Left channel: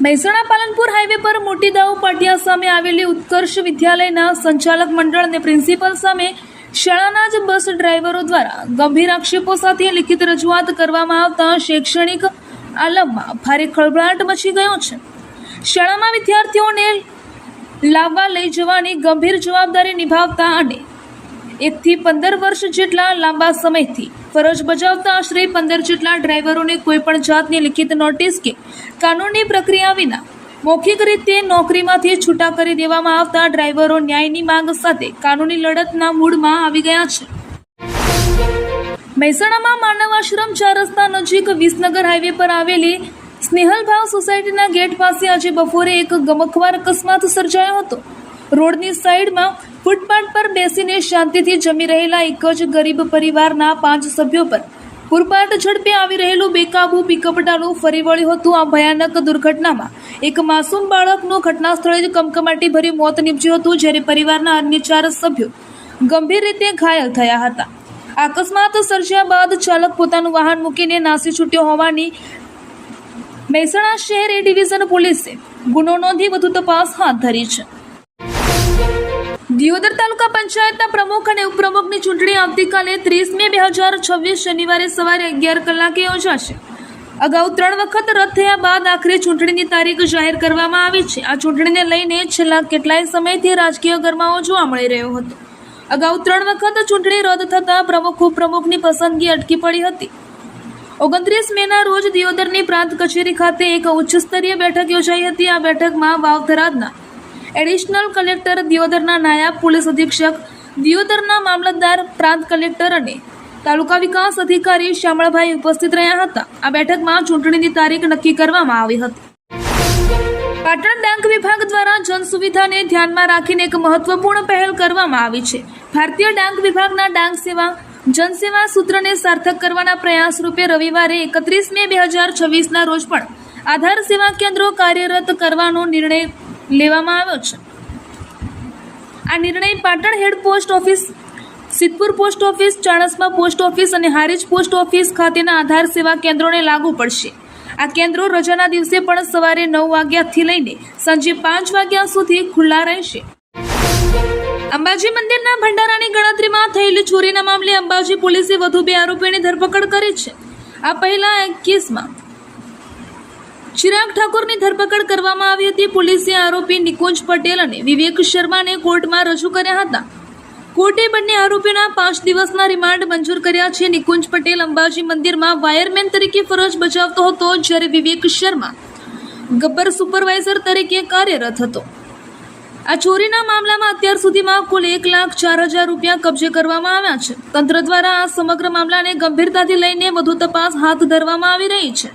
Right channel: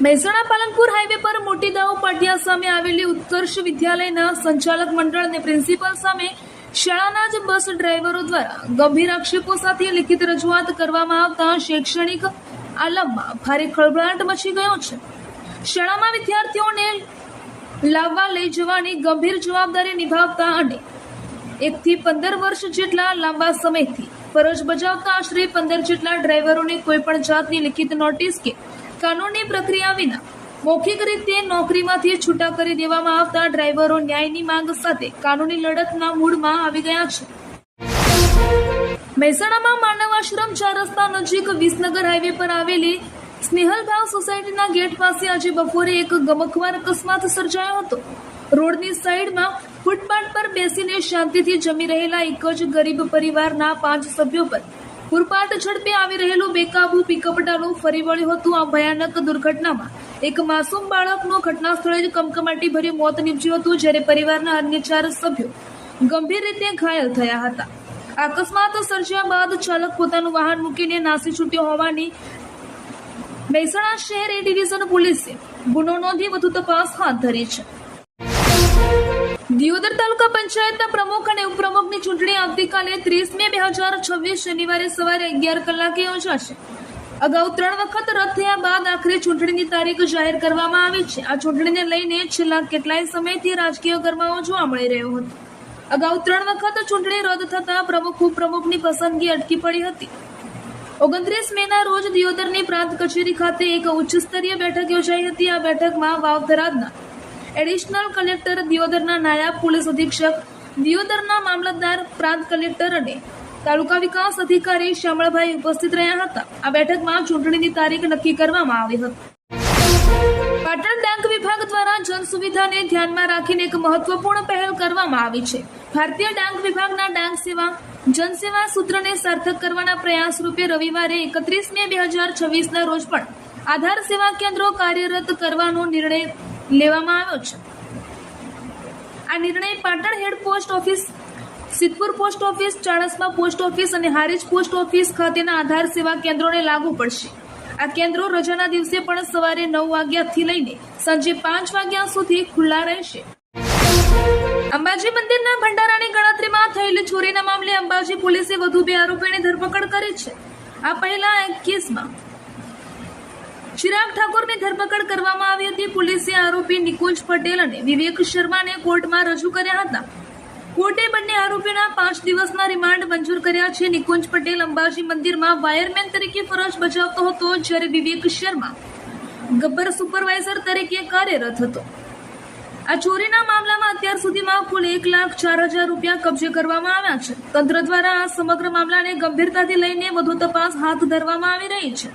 Mehsana Palanpur highway પર મોટી દાઉ પાટિયા સામે આવેલી ઉત્કર્ષ વિદ્યાલયના સંચાલક મંડળ અને પ્રિન્સિપલ સામે શાળાના જ બસ ડ્રાઈવરો દ્વારા ગંભીર આક્ષેપો સાથે લિખિત રજૂઆત કરવામાં આવતા શૈક્ષણિક આલમમાં ભારે ખળભળાટ મચી ગયો છે। શાળામાં વિદ્યાર્થીઓને લાવવા લઈ જવાની ગંભીર જવાબદારી નિભાવતા અને 1 થી 15 વર્ષ જેટલા લાંબા સમયથી ફરજ બજાવતા આશરે 15 જેટલા ડ્રાઈવરોને કોઈપણ જાતની લિખિત નોટિસ કે કાનૂની પ્રક્રિયા વિના મૌખિક રીતે નોકરીમાંથી છૂટા કરી દેવામાં આવતા ડ્રાઈવરો ન્યાયની માંગ સાથે કાનૂની લડતના મૂડમાં આવી ગયા છે। મહેસાણામાં માનવ આશ્રમ 4 રસ્તા નજીક વિસનગર હાઈવે પર આવેલી સ્નેહલભાવ સોસાયટીના ગેટ પાસે આજે બપોરે એક ગમખ્વાર અકસ્માત સર્જાયો હતો। રોડની સાઈડમાં ફૂટપાથ પર બેસીને શાંતિથી જમી રહેલા એક જ ગરીબ પરિવારના 5 સભ્યો પર પૂરપાટ ઝડપે આવી રહેલું બેકાબુ પિકઅપ ડાલું ફરી વળ્યું હતું। આ ભયાનક દુર્ઘટનામાં એક માસૂમ બાળકનું ઘટના સ્થળે જ કમકમાટીભર્યું મોત નીપજ્યું હતું, જ્યારે પરિવારના અન્ય 4 સભ્યો ગંભીર રીતે ઘાયલ થયા હતા। અકસ્માત સર્જ્યા બાદ ચાલક પોતાનું વાહન મૂકીને નાસી છૂટ્યો હોવાની મહેસાણા શહેર એ ડિવિઝન પોલીસે ગુનો નોંધી વધુ તપાસ હાથ ધરી છે। દિયોદર તાલુકા પંચાયતના પ્રમુખ અને ઉપપ્રમુખની ચૂંટણી આવતીકાલે 30 મે 2026 શનિવારે સવારે 11 કલાકે યોજાશે। અગાઉ 3 વખત રદ થયા બાદ આખરે ચૂંટણીની તારીખ જાહેર કરવામાં આવી છે। આ ચૂંટણીને લઈને છેલ્લા કેટલાય સમયથી રાજકીય ગરમાવો જોવા મળી રહ્યો હતો। અગાઉ 3 વખત ચૂંટણી રદ થતાં પ્રમુખ ઉપપ્રમુખની પસંદગી અટકી પડી હતી। 29 મેના રોજ દિયોદરની પ્રાંત કચેરી ખાતે એક ઉચ્ચ સ્તરીય બેઠક યોજાઈ હતી। આ બેઠકમાં વાવ-થરાદના એડિશનલ કલેક્ટર, દિયોદરના નાયબ પોલીસ અધિક્ષક, દિયોદરના મામલતદાર, પ્રાંત કલેક્ટર અને તાલુકા વિકાસ અધિકારી શામળભાઈ ઉપસ્થિત રહ્યા હતા। આ બેઠકમાં ચૂંટણીની તારીખ નક્કી કરવામાં આવી હતી। પાટણ ડાક વિભાગ દ્વારા જન સુવિધાને ધ્યાનમાં રાખીને એક મહત્વપૂર્ણ પહેલ કરવામાં આવી છે। ભારતીય ડાક વિભાગના ડાક સેવા જનસેવા સૂત્રને સાર્થક કરવાના પ્રયાસ રૂપે રવિવારે 31 મે 2026ના રોજ પણ આધાર સેવા કેન્દ્રો કાર્યરત કરવાનો નિર્ણય લેવામાં આવ્યો છે। આ નિર્ણય Patan head post office, Siddhpur post office, Chanasma post office અને હારીજ પોસ્ટ ઓફિસ ખાતેના આધાર સેવા કેન્દ્રોને લાગુ પડશે। આ કેન્દ્રો રજાના દિવસે પણ સવારે 9 વાગ્યાથી લઈને સાંજે 5 વાગ્યા સુધી ખુલ્લા રહેશે। અંબાજી મંદિરના ભંડારાની ગણતરીમાં થયેલી ચોરીના મામલે અંબાજી પોલીસે વધુ 2 આરોપીઓની ધરપકડ કરી છે। આ પહેલા એક કેસમાં ચિરાગ ઠાકોરની ધરપકડ કરવામાં આવી હતી। પોલીસે આરોપી નિકુંજ પટેલ અને વિવેક શર્માને કોર્ટમાં રજૂ કર્યા હતા। કોર્ટે બંને આરોપીઓના 5 દિવસના રિમાન્ડ મંજૂર કર્યા છે। નિકુંજ પટેલ અંબાજી મંદિરમાં વાયરમેન તરીકે ફરજ બજાવતો હતો, જ્યારે વિવેક શર્મા ગબ્બર સુપરવાઇઝર તરીકે કાર્યરત હતો। આ ચોરીના મામલામાં અત્યાર સુધીમાં કુલ 1,04,000 રૂપિયા કબજે કરવામાં આવ્યા છે। તંત્ર દ્વારા આ સમગ્ર મામલાને ગંભીરતાથી લઈને વધુ તપાસ હાથ ધરવામાં આવી રહી છે।